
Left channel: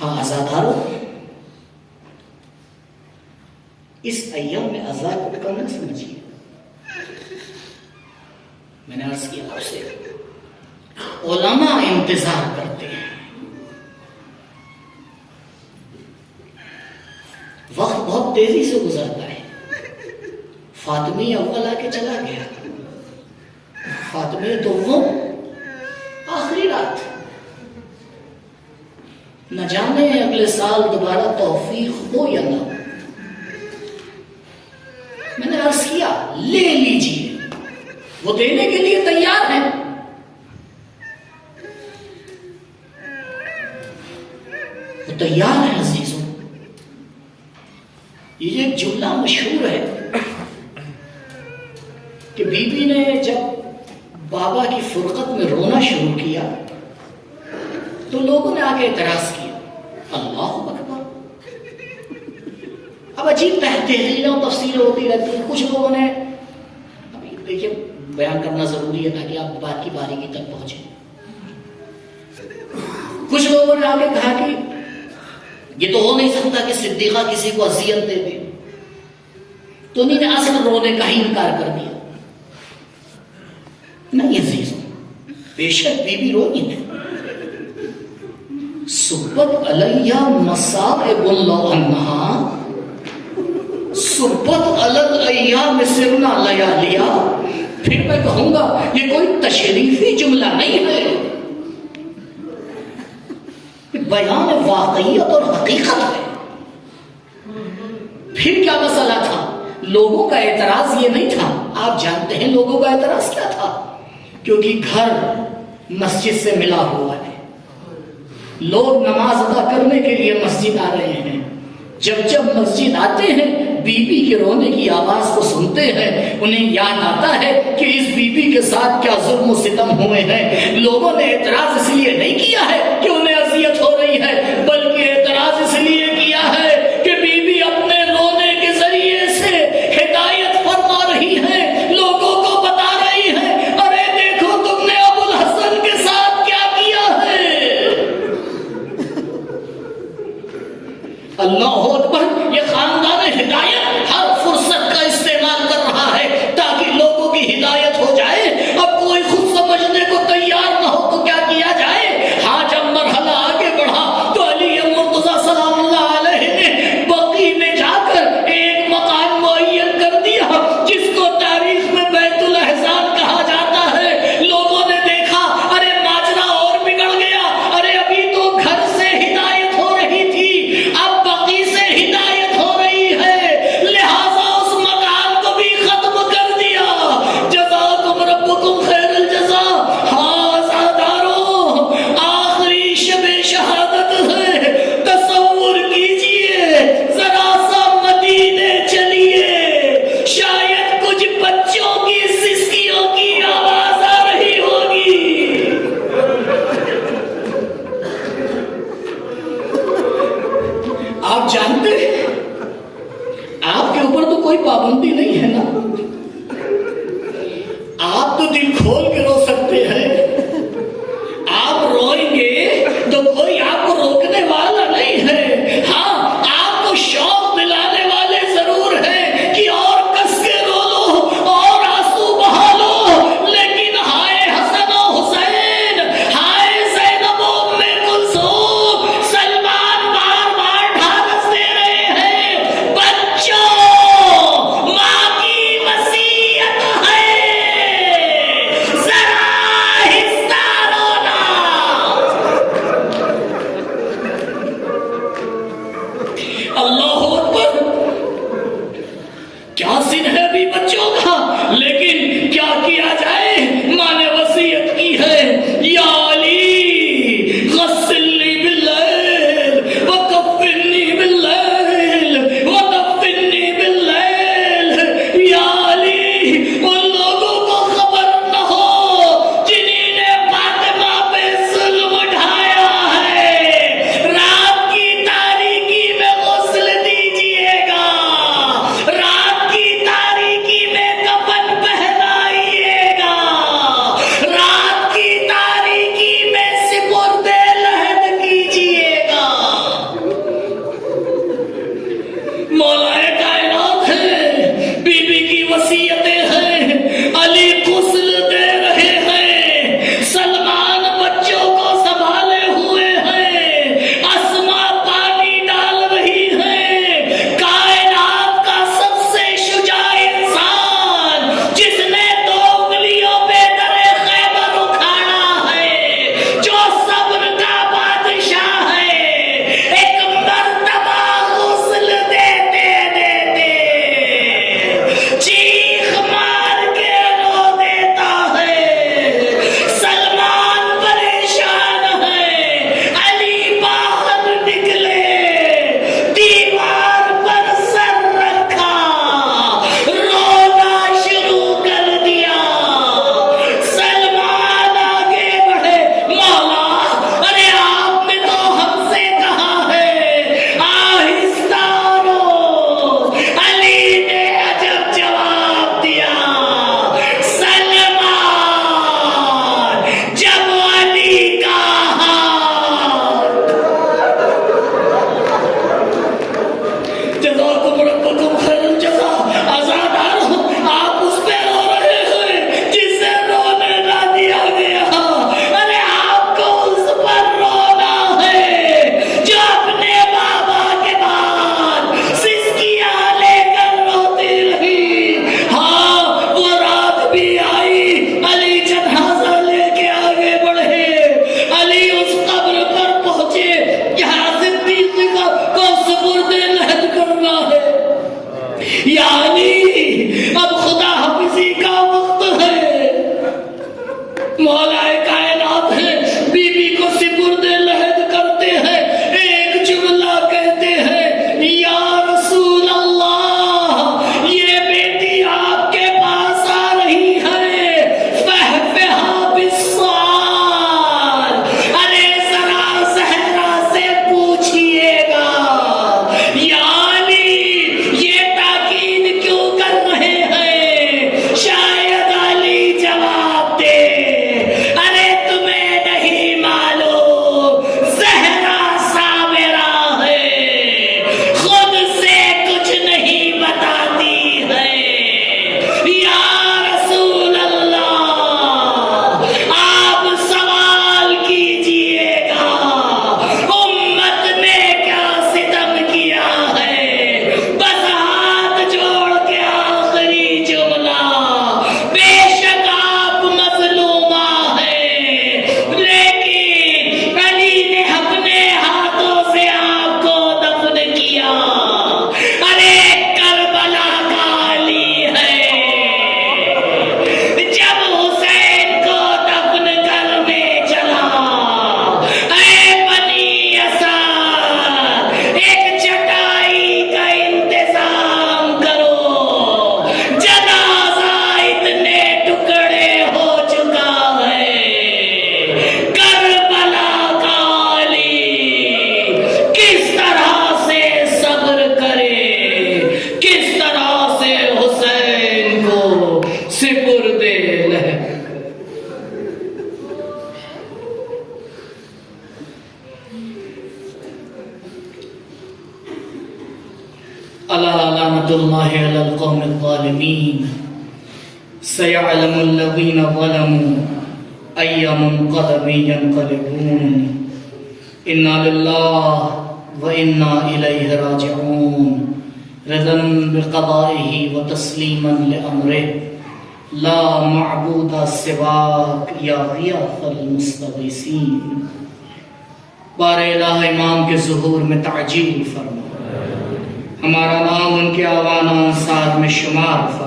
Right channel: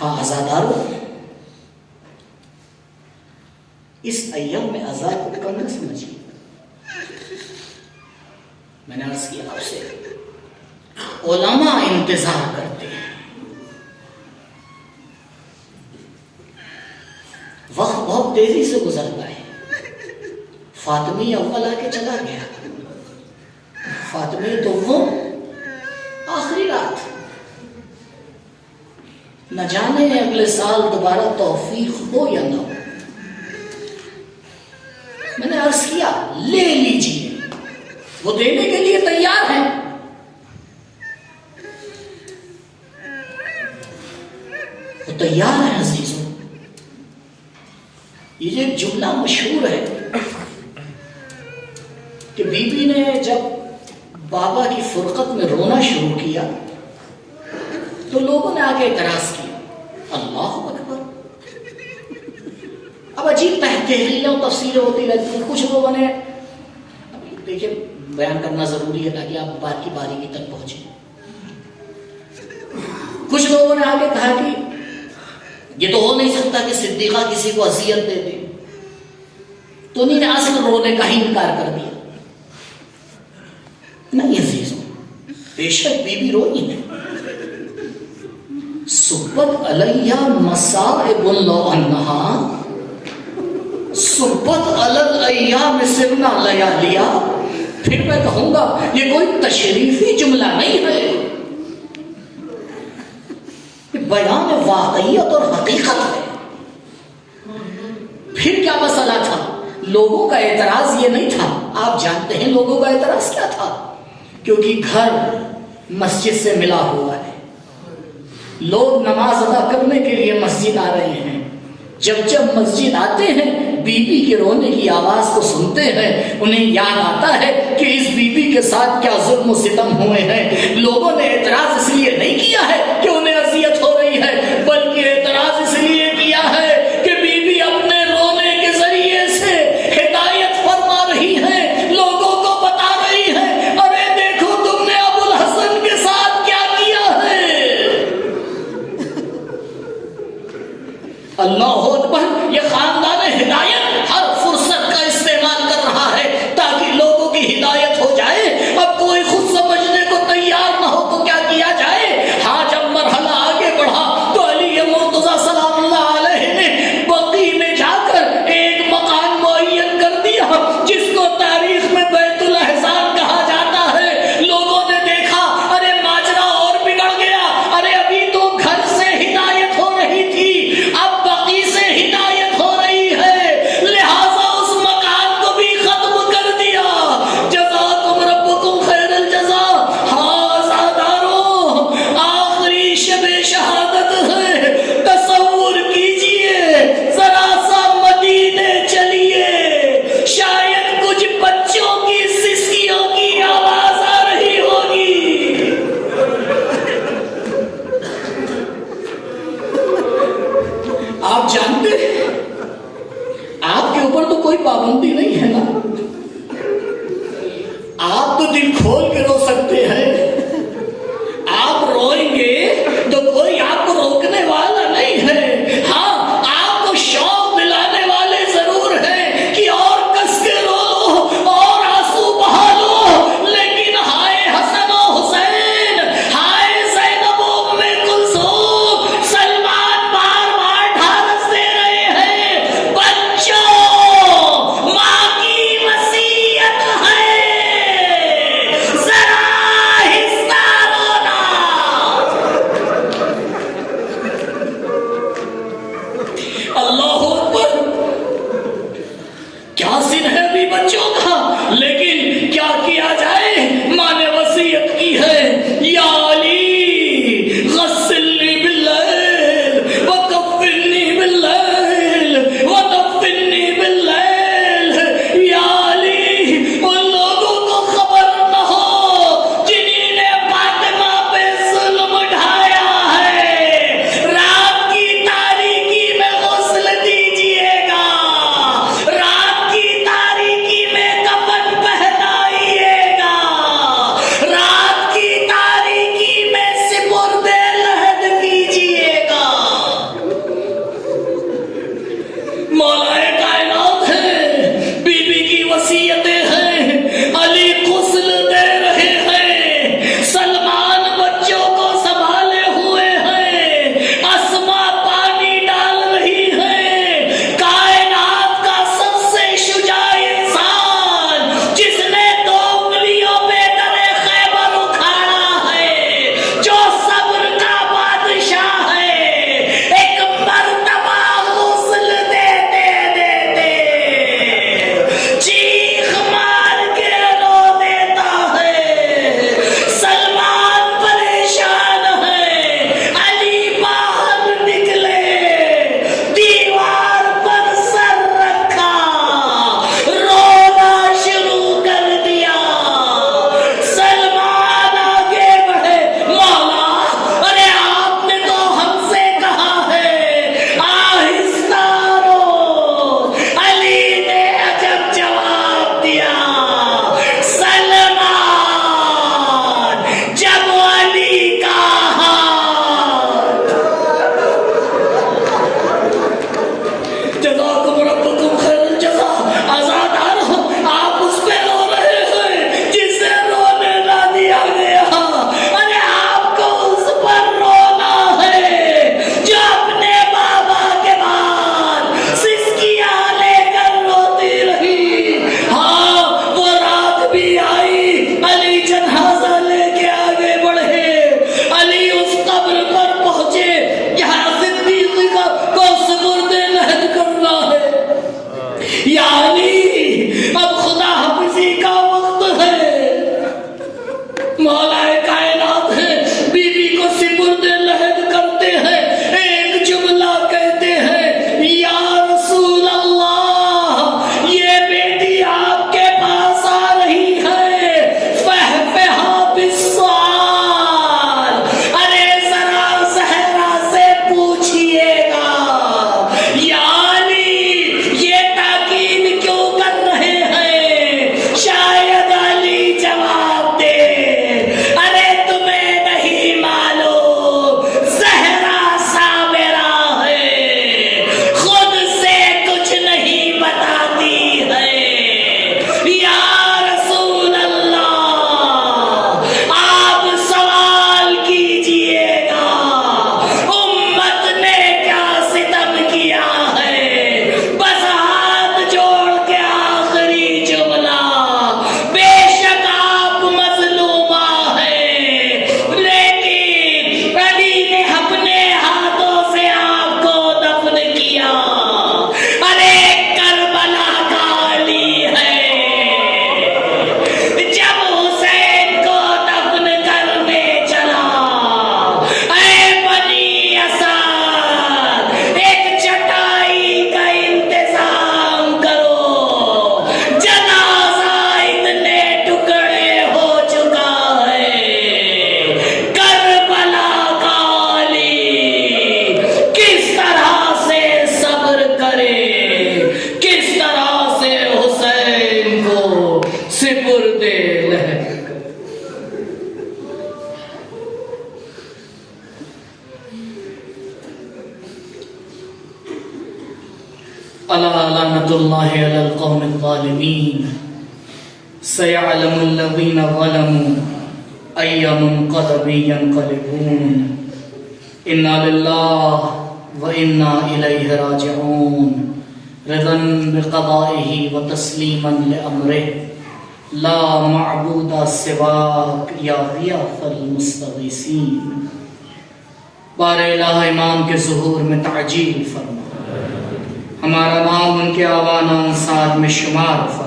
ہاں آزاداروں، اس ایام میں آزاد کو کم نہ سمجھیے۔ میں نے عرض کیا آپ سے، علماء انتظار کرتے ہیں، وقت بہت تیزی سے گزرتا ہے۔ فاطمی اول آ کے چلا گیا، فاطمی دوم آخری رات، نہ جانے اگلے سال دوبارہ توفیق ہو یا نہ ہو۔ میں نے عرض کیا لے لیجیے، وہ دینے کے لیے تیار ہیں، وہ تیار ہے عزیزوں۔ یہ ایک جملہ مشہور ہے کہ بی بی نے جب بابا کی فرقت میں رونا شروع کیا تو لوگوں نے آ کے اعتراض کیا، اللہ اکبر۔ اب عجیب تحریریں اور تفسیریں ہوتی رہتی ہیں۔ کچھ لوگوں نے، دیکھیے بیان کرنا ضروری ہے تاکہ آپ بات کی باریکی تک پہنچیں، کچھ لوگوں نے آ کے کہا کہ یہ تو ہو نہیں سکتا کہ صدیقہ کسی کو اذیت دے دے، تو انہیں نے اصل رونے کا ہی انکار کر دیا۔ نہیں عزیزوں، بے شک بی بی روئی ہے، صبت علیہ مصائب اللہ عنہا، صبت علی الایام سرنا لیالیا۔ پھر میں کہوں گا یہ کوئی تشریفی جملہ نہیں ہے، بیان واقعیت اور حقیقت ہے۔ پھر کیا مسئلہ تھا؟ لوگوں کا اعتراض یہ نہیں تھا، آپ جانتے ہیں لوگوں کا اعتراض کیا تھا؟ کیونکہ گھر مسجد سے ملا ہوا ہے، لوگ نماز ادا کرنے کے لیے مسجد آ رہے ہیں، جب مسجد آتے ہیں بی بی کے رونے کی آواز کو سنتے ہیں، انہیں یاد آتا ہے کہ اس بی بی کے ساتھ کیا ظلم و ستم ہوئے ہیں۔ لوگوں نے اعتراض اس لیے نہیں کیا ہے کہ انہیں اذیت ہو رہی ہے، بلکہ اعتراض اس لیے کیا ہے کہ بی بی اپنے رونے کے ذریعے سے ہدایت فرما رہی ہے، لوگوں کو بتا رہی ہے، ارے دیکھو تم نے ابو الحسن کے ساتھ کیا کیا ہے۔ اللہ اکبر، یہ خاندان ہدایت ہر فرصت کا استعمال کر رہا ہے تاکہ لوگوں کی ہدایت ہو جائے۔ اب کوئی خود سمجھنے کو تیار نہ ہو تو کیا لعنت اللہ علی القوم الظالمین سیعلم الذین ظلموا ای منقلب ینقلبون انا للہ وإنا إليه راجعون رضا بقضائه وتسليما لأمره لا معبود سواك يا غياث المستغيثين بار الہ امام کے ظہور میں تعجیل فرما، ہمارا نام ان کے آوان و انصار میں شمار فرما۔